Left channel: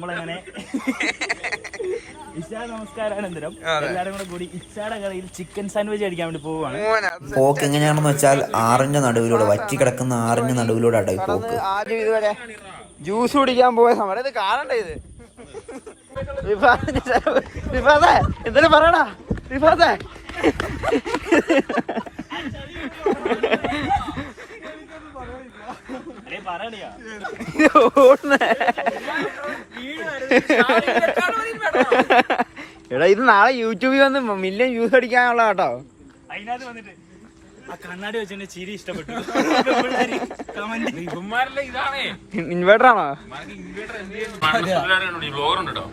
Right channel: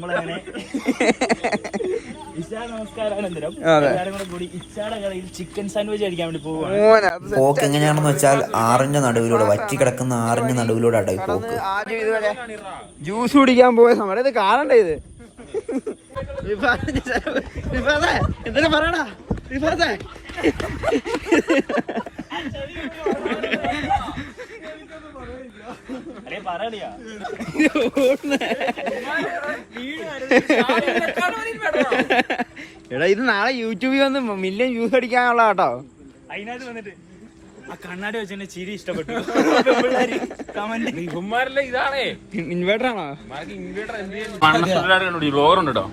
പോക്ക് എങ്ങനെയാണെന്ന് വെച്ചാൽ ആറിന്റെ നടുവിലൂടെ വറ്റി കിടക്കുന്ന ആറിന്റെ നടുവിലൂടെ അടയി പോക്ക് ജ്യൂസ് കുടിക്കാൻ പോയ സമരത്ത് കാണണ്ടേ ഇത് എന്തായാലും പറയണാ റിഫാസേ എടാ ഇത് നാളെ യൂട്യൂബിൽ വന്ന് മില്യൺ വ്യൂസ് അടിക്കാനുള്ള കേട്ടോ കണ്ണാടി വെച്ചെന്നെ ചിരി ഇഷ്ടപ്പെട്ടു ഇൻവേർട്ടർ ആണോ ഉണ്ടോ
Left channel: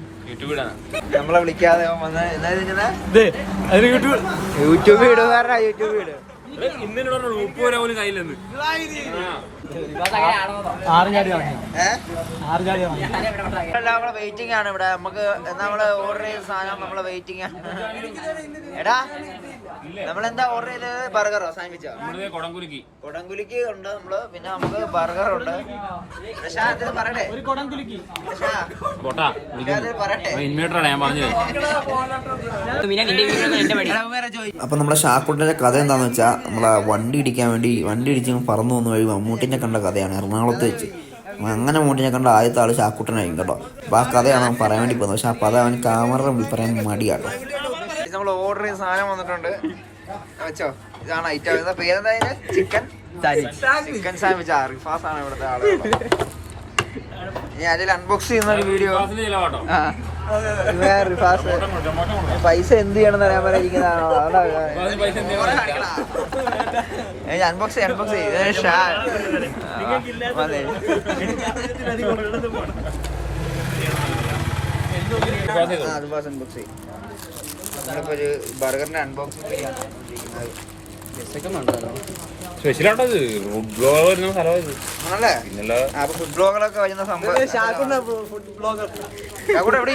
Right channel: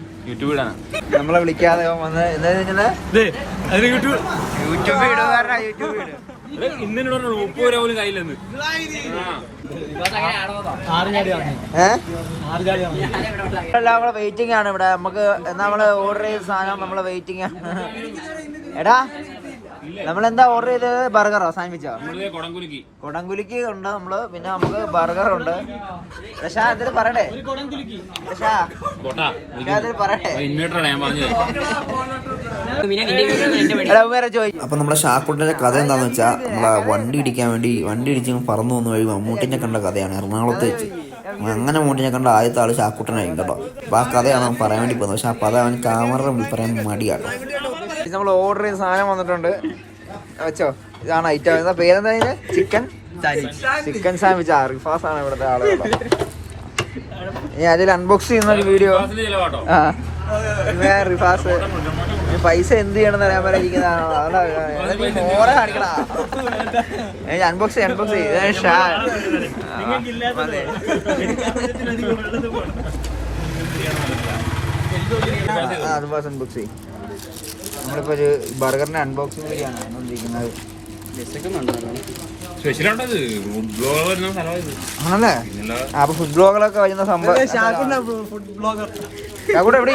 നമ്മളെ വിളിക്കാതെ വന്ന് എന്താ യൂട്യൂബ് യൂട്യൂബ് ഇടുന്നാരാ യൂട്യൂബ് ഇടുക നമ്മള് വെയിറ്റിംഗ് ആണ് ഇവിടെ നമുക്ക് നമ്മള് ഓർഡർ ചെയ്ത സാധനം നമ്മള് വെയിറ്റിംഗ് ആണ് എടാ നമ്മളെന്താ ഓർഡർ ചെയ്തത് ബർഗറോ സാൻഡ്വിച്ചോ കൊടംകുലിക്ക് ഉണ്ട് നമ്മള് പിന്നെ നമുക്ക് ബർഗർ ഉണ്ട് അപ്പൊ നമ്മളെ ഷാക്കുട്ടിന്റെ കഥ എന്താന്ന് വെച്ചാ നമ്മളെ വണ്ടി ഇടിക്കാൻ വേണ്ടി വണ്ടി ഇടിച്ച് പറന്നു വന്നു വഴി മമ്മൂട്ടിന്റെ കണ്ട കഥയാണ് എറണാകുളത്ത് വെച്ച് അങ്ങനെ മൂട്ടിനെ കണ്ട ആദ്യത്തെ ആള് ഷാക്കുട്ടനായിരിക്കും കേട്ടോ അപ്പൊ ആ കഥയാണ് പറയാൻ വേണ്ടി പോകുന്നത് പക്ഷെ അപ്പൊ അത് അവൻ ക്യാമറ പറയാൻ മടിയാട്ടോ ഇത് നമ്മൾ ഓർഡർ ചെയ്ത സാധനം വന്നിട്ടുണ്ട് വെച്ചോ ഇതാണ് ഐറ്റം പേരെന്താ അതിന്റെ ചിക്കൻ ചിക്കൻ സാൻഡ്വിച്ച് ഫാസ് ആണ് ഇവിടുത്തെ ആള് ഇനി അതിൽ അൺബോക്സ് ചെയ്യുന്ന ഒരു വീഡിയോ അൺബോക്സ് അൺബോക്സ് ചെയ്യാ നമുക്കൊരു ബർഗറിന്റെ അൺബോക്സിംഗ് ചെയ്യാൻ വരുന്ന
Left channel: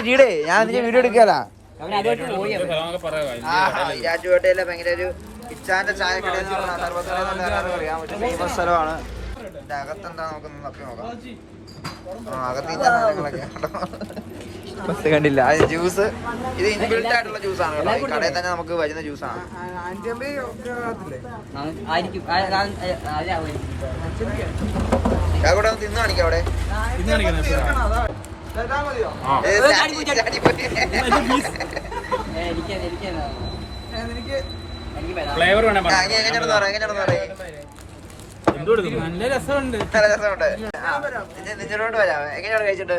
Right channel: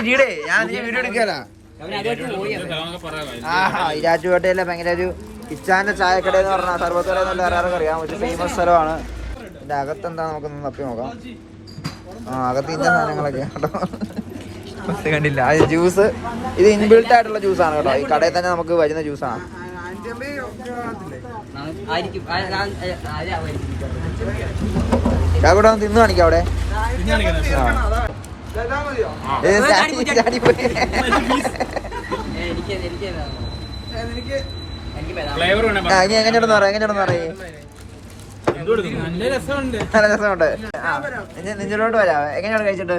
ഇവിടെ ഞാൻ വീഡിയോ എടുക്കാലോട്ടയിലെ ഭയങ്കരൊരു കിച്ചാന്റെ ചായക്കട എന്ന് പറഞ്ഞ സർവത്തോടെ അറിയാം പക്ഷെ ഫേമസ് സ്ഥലമാണ് അതിന്റെ അകത്ത് എന്താ നപ്പി നോക്കാം ആ അകത്ത് ഇന്ന സാധനങ്ങളൊക്കെ ബസ് കണ്ടില്ല അത് ജ്യൂസ് ഇത് ഇൻബിൽഡ് ആയിട്ടുള്ള ജ്യൂസ് ആണ് കേട്ടോ ഈ കടയിൽ തന്നെ നമുക്ക് വരുന്ന ജ്യൂസ് ആണ് അവിടെ ഒന്ന് തിന്ന് കാണിക്കാം അവിടെ എങ്ങനെയാണ് പറയാം എങ്ങനെയാണ് പറയാ നിഞ്ചിലോട്ട് വരാം എങ്ങനെയാണ് കഴിച്ചിട്ട്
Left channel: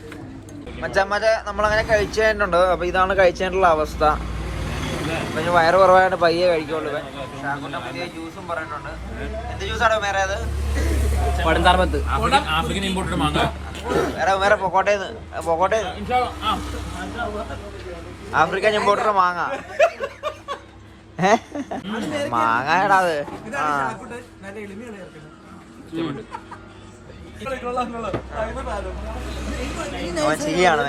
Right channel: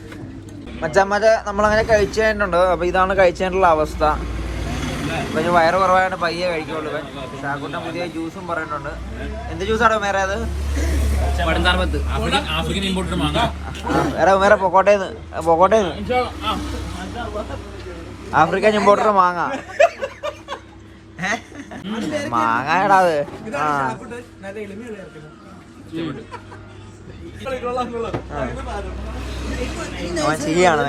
മച്ചമ്മച്ച നമ്മളങ്ങനെ കഴിച്ചു കഴിഞ്ഞിട്ടുണ്ട് അപ്പൊ ഇതാണ് കഴിച്ചതിൻ്റെ അവസ്ഥ കൊഞ്ച് വയറ് കുറവായാണ് പയ്യെ കഴിക്കുള്ളത് സാക്കുട്ട പുതിയ ജ്യൂസും പറയുന്നുണ്ട് എന്ത് ജ്യൂസാണ് വേറെ അത് വേറെ വേറെ പൊക്കോട്ടേന്ന് പൊക്കോട്ടേന്ന് ആഫ്രിക്കൻ ഇമ്പോർട്ടർ മാങ്ങ മാങ്ങ എടാ അത് ആ നല്ല എളിമ അവൻ ശരിയാണോ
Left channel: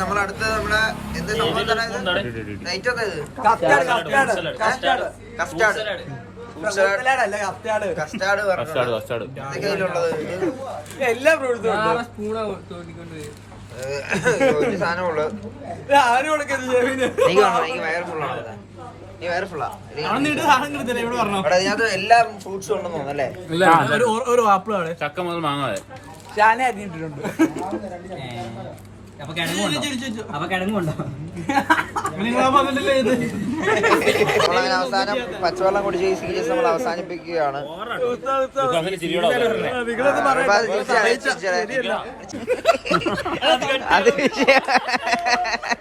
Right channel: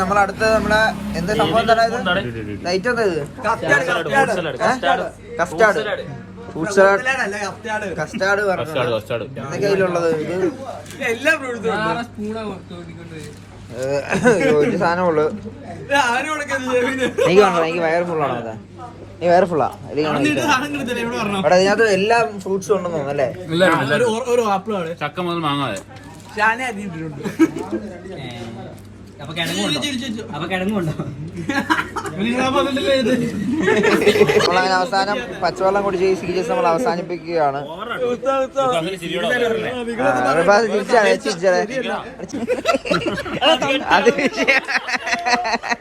നമ്മളെ അടുത്ത് നമ്മളെ എന്ത് സംഭവം തരാത് കസ്റ്റാർഡ് എന്റെ കയ്യിലുള്ളത് സാധനമുള്ളു എനിക്ക് വന്നോ എനിക്ക് വയർ ഫുള്ളാണോ അതാ അതിനകത്ത് എല്ലാ ഫ്രൂട്ട്സും ഉണ്ടെന്ന് തോന്നുന്നു അല്ലേ ചക്ക മുതൽ മാങ്ങ നമ്മളങ്ങനെ അവസാനം പച്ചവെള്ളം കുടിച്ച് ഈ സീരിയസ് നമ്മൾ അവസാനിപ്പിക്കുകയാണ് അത്